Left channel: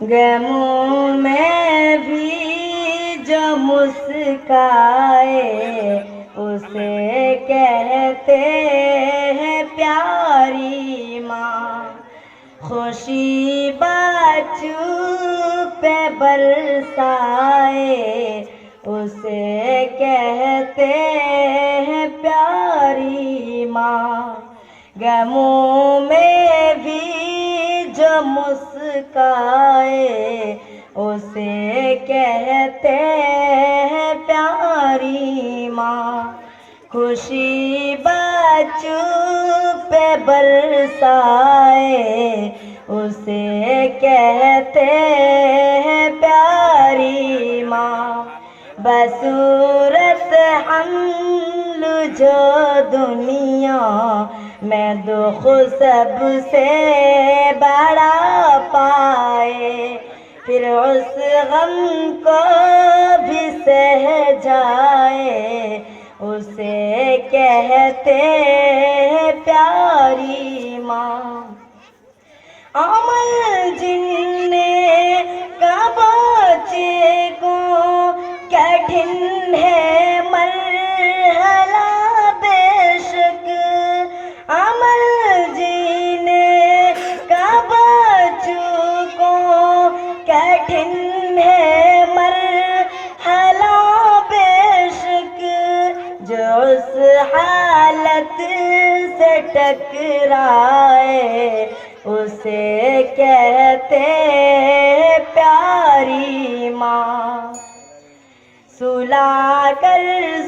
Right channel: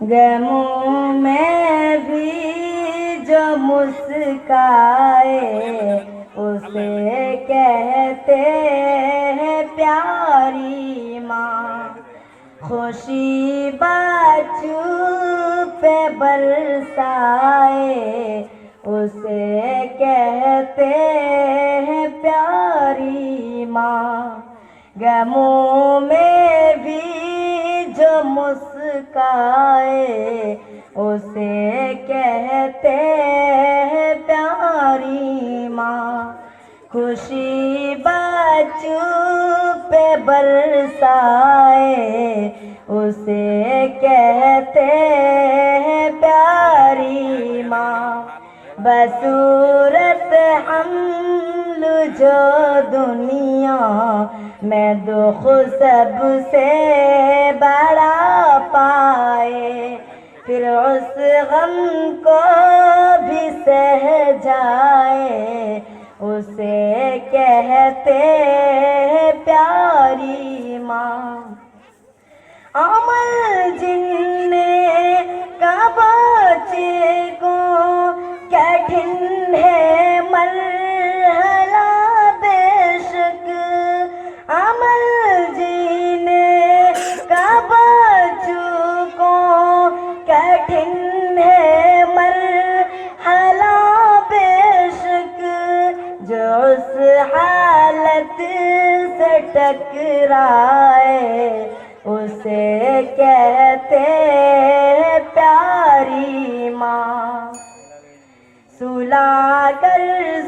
غموں میں بھی جو مسکائے اسے کہتے ہیں پیاری ماں، خوشی بچوں پہ برسائے اسے کہتے ہیں پیاری ماں، غموں میں بھی جو مسکائے اسے کہتے ہیں پیاری ماں، خوشی بچوں پہ برسائے اسے کہتے ہیں پیاری ماں، بصورت حمل جو دنیا میں دکھ سب سے بڑا پائے، پھر اس غم کو بھی سہ جائے اسے کہتے ہیں پیاری ماں، عمل جن نے کا بچے کو کٹھن ہے مرحلہ بے شک، عمل جینے کا بچوں کو کٹھن ہے مرحلہ بے شک، جو اس حالت سے ٹکرائے اسے کہتے ہیں پیاری ماں، سلا کر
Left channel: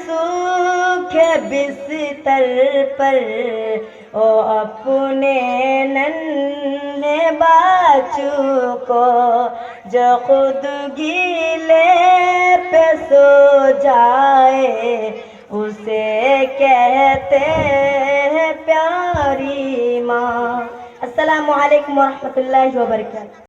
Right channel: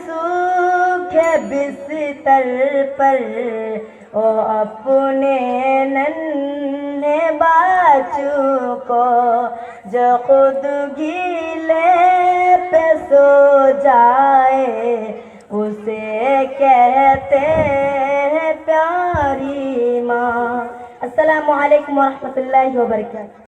سوکھے بستر پر او اپنے ننھے بچوں کو، جو خود گیلے پہ سو جائے اسے کہتے ہیں پیاری ماں۔ السلام علیکم ورحمۃ اللہ وبرکاتہ۔